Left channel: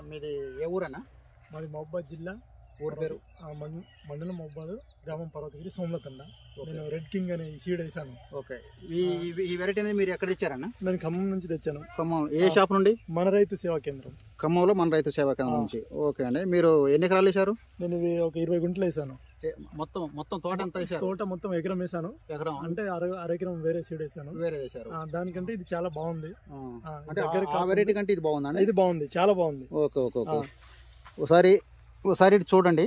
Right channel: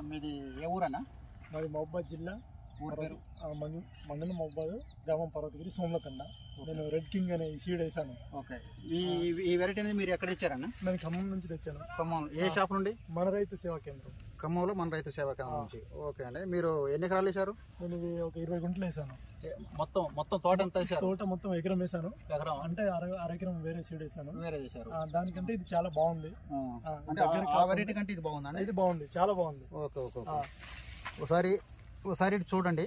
మీది ఏ ఊరన్నా? మాది మహబూబాద్ జిల్లా, ఊరు పేరు మండలం మహబూబాద్, గ్రామం పర్వతగిరి, సోమలతండ. నేను రెడ్ కింగ్ అనే సీడ్ వేసాను. ఓకే, ఈ వెరైటీ అనేది మీరు ఎక్కడ తెచ్చారన్నా? నేను ఖమ్మం నుంచి తెచ్చాను. ఖమ్మం ఏ షాప్ నుండి? మన రైతు సేవా కేంద్రం. ఖమ్మంలో మన రైతు సేవా కేంద్రం నుంచి. ఓకే అండి, మీరు ఎన్ని ఎకరాలు వేశారు? నేను ఇది ఒక 20 గుంటలు వేసాను. మొత్తం తోట ఎంత వేశారు? తోట మొత్తం ఎకరం వేసాను. ఎకరం అంటే అర ఎకరం వేరే సీడ్ వేసాను. వేరే వేశారు. దానికంటే ఇది చాలా బాగుంది. అంటే ఆ వెరైటీ కంటే ఇది బాగుందా? ఇది బాగుంది, చాలా బాగుంది. ఓకే ఓకే ఓకే, ఒకసారి ఇటు చూడండి.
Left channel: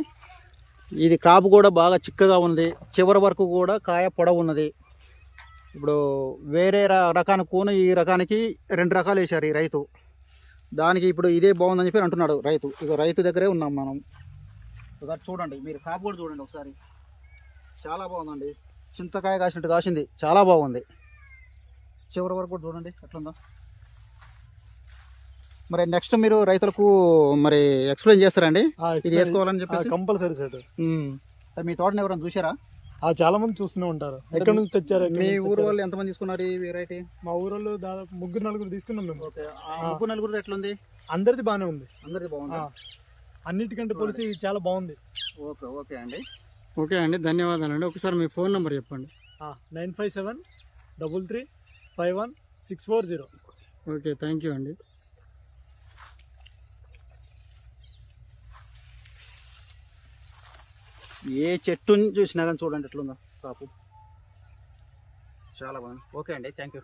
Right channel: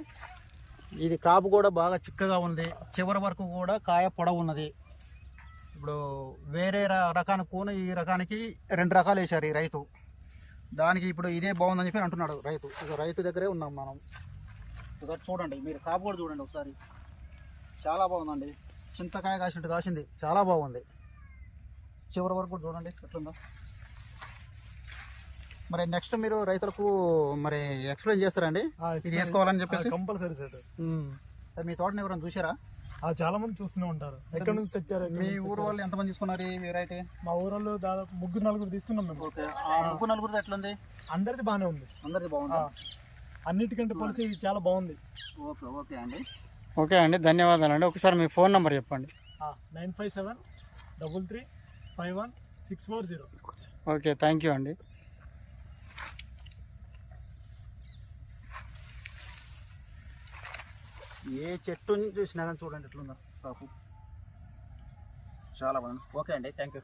ఇది క్రాప్ కూడా బాగా చిక్కగా ఉంది, చివరి వరకు కూడా కాయ పొడవు ఉన్నది. ఇప్పుడు వేరే రకానికి కూన ఈ రకానికి 2 రకాలు వేశారు ఈ రైతు. దానికి ఇప్పుడు ఇదే బాగుందని చెప్పి అంటున్నాడు రైతు. ఇది రైతు దగ్గరే ఉన్నాం మనం. ఒకసారి చూడండి, మీరు క్రాప్ కూడా చూడండి ఒకసారి. చాలా బాగుందండి, చింతకాయ కాసినట్టు కాసింది, చాలా బాగుంది. చివరి వరకు కూడా చూడండి ఎట్లుందో. మరి నెక్స్ట్ మీరు రైతులకు మరి ఎక్స్ప్లెయిన్ చేస్తారండి ఇది వేసుకోవాలని చెప్పేసి? Compulsory sir. మీ తోటని ఎవరైనా చూసారా? చాలా మంది చూస్తూనే ఉంటారు. ఎక్కడి నుంచి తెచ్చారు? మీ ఊరు వాళ్ళు ఎంతమంది తీసుకున్నారు ఈ వెరైటీ? మా ఊరిలో దాదాపు 3-4 తీసుకున్నాం మేము. ఓకే, ఆ 3-4 ఎట్లుంది? అందరిది బాగానే ఉంది. అందరిది బాగుంది, అన్నిటికంటే పోలిసి ఇది చాలా బాగుంది. ఓకే ఓకే అండి. ఓకే అండి, ధన్యవాదాలండి. ఒకసారి మీ ఫోన్ నెంబర్ చెప్పండి. 9573351640. ఓకే, థ్యాంక్ యూ అండి. ఏ చెట్టుని చూసినా కానీ చూడండి ఎట్లుందో కాపు, చాలా బాగుంది. ఓకే అండి, థ్యాంక్ యూ.